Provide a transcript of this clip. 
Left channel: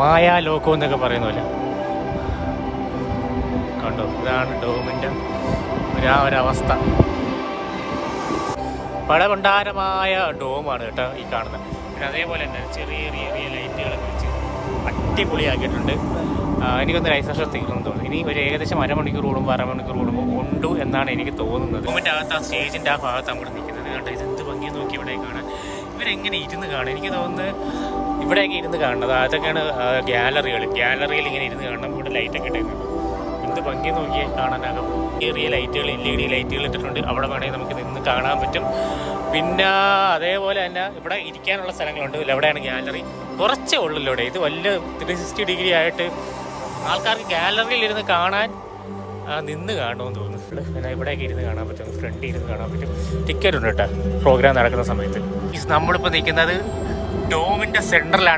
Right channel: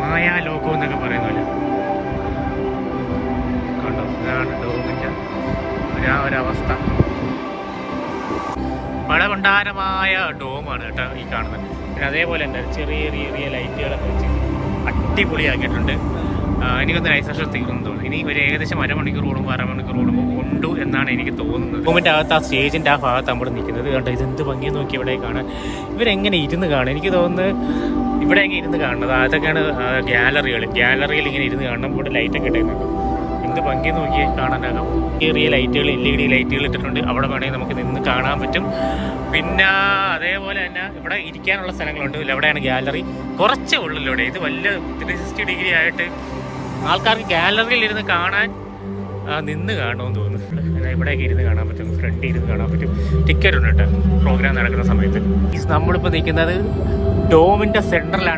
മായാലോകം എന്നൊക്കെ പറയുന്ന പോലെ കണ്ടോ. ഇതാണ് ഡോമിൻ്റെ ഒരവസ്ഥ. പഴകൊണ്ടാരമായ ഡോമാണ് കേട്ടോ ഈ കാണുന്നത്. പിന്നെ അതേപോലെ തന്നെ ചെറിയ ചെറിയ ലൈറ്റുകളൊക്കെ വെച്ച് അടിപൊളിയാക്കിയിട്ടുണ്ട്. എനിക്കൊന്ന് ലൈഫ് സെഷൻ തീരുമെന്ന് തോന്നുന്നു. ഇനി ഒരു ഏകദേശം അരമണിക്കൂർ കൂടുമ്പോൾ അരമണിക്കൂർ കൂടുമ്പോൾ ഉണ്ട് എന്നാണ് എനിക്ക് തോന്നുന്നത്. ഡോമിൻ്റെ അകത്ത് ആ സ്റ്റേജിൻ്റെ ആ ഭാഗത്ത് നമ്മൾ നിൽക്കുന്നത് കണ്ടോ. ഇതെന്ത് ഭംഗി നോക്കി ഇവിടെ കാണാൻ. ഇവരെങ്ങനെ ഇരുന്ന് കാണും. എനിക്ക് തോന്നുന്നത് ഇവിടെയൊക്കെ ഇരുന്ന് കാണുന്നത്. അതൊക്കെയാണ് ഗാലറിയിൽ ഇങ്ങനെ ഇരുന്ന് കാണണം. ഇവിടെ ലൈറ്റൊക്കെ ഇട്ടേക്കുന്നുണ്ട്. എന്ത് ഭംഗി നോക്കിയേ കാണാനാകാം. ചെറിയ ലൈറ്റുകൾ LED ലൈറ്റുകൾ ഇട്ടിട്ടുണ്ട്. അവിടെ വേണമെങ്കിൽ നമുക്ക് നിന്ന് കാണാൻ പറ്റും. പിന്നെ അതേപോലെ തന്നെ ഇവിടെ ഇരിക്കാനുള്ള സ്ഥലങ്ങളുണ്ട്. എവിടെയാണ് ഗാലറി കുറച്ചേ ഉള്ളല്ലോ ഇവിടെ. ഇത് വലിയ 360 ഡിഗ്രി ആയിട്ട് ആൾക്കാർക്ക് ഗാലറിയിൽ ഇരുന്ന് കാണാൻ നിന്ന് കാണുമെന്ന് തോന്നുന്നു. എന്നാൽ ഇവിടെയൊക്കെ ഇരുന്ന് കാണാൻ പറ്റും. ഫ്രണ്ടിൽ ഇരുന്ന് കാണാൻ പറ്റും. ടിക്കറ്റ് ഉണ്ട് കേട്ടോ പ്രോഗ്രാം നടക്കുന്ന സമയത്ത്. നമ്മളിപ്പോൾ നിൽക്കുന്നത് ഡോമിൻ്റെ സെൻറ്ററിലാണ്.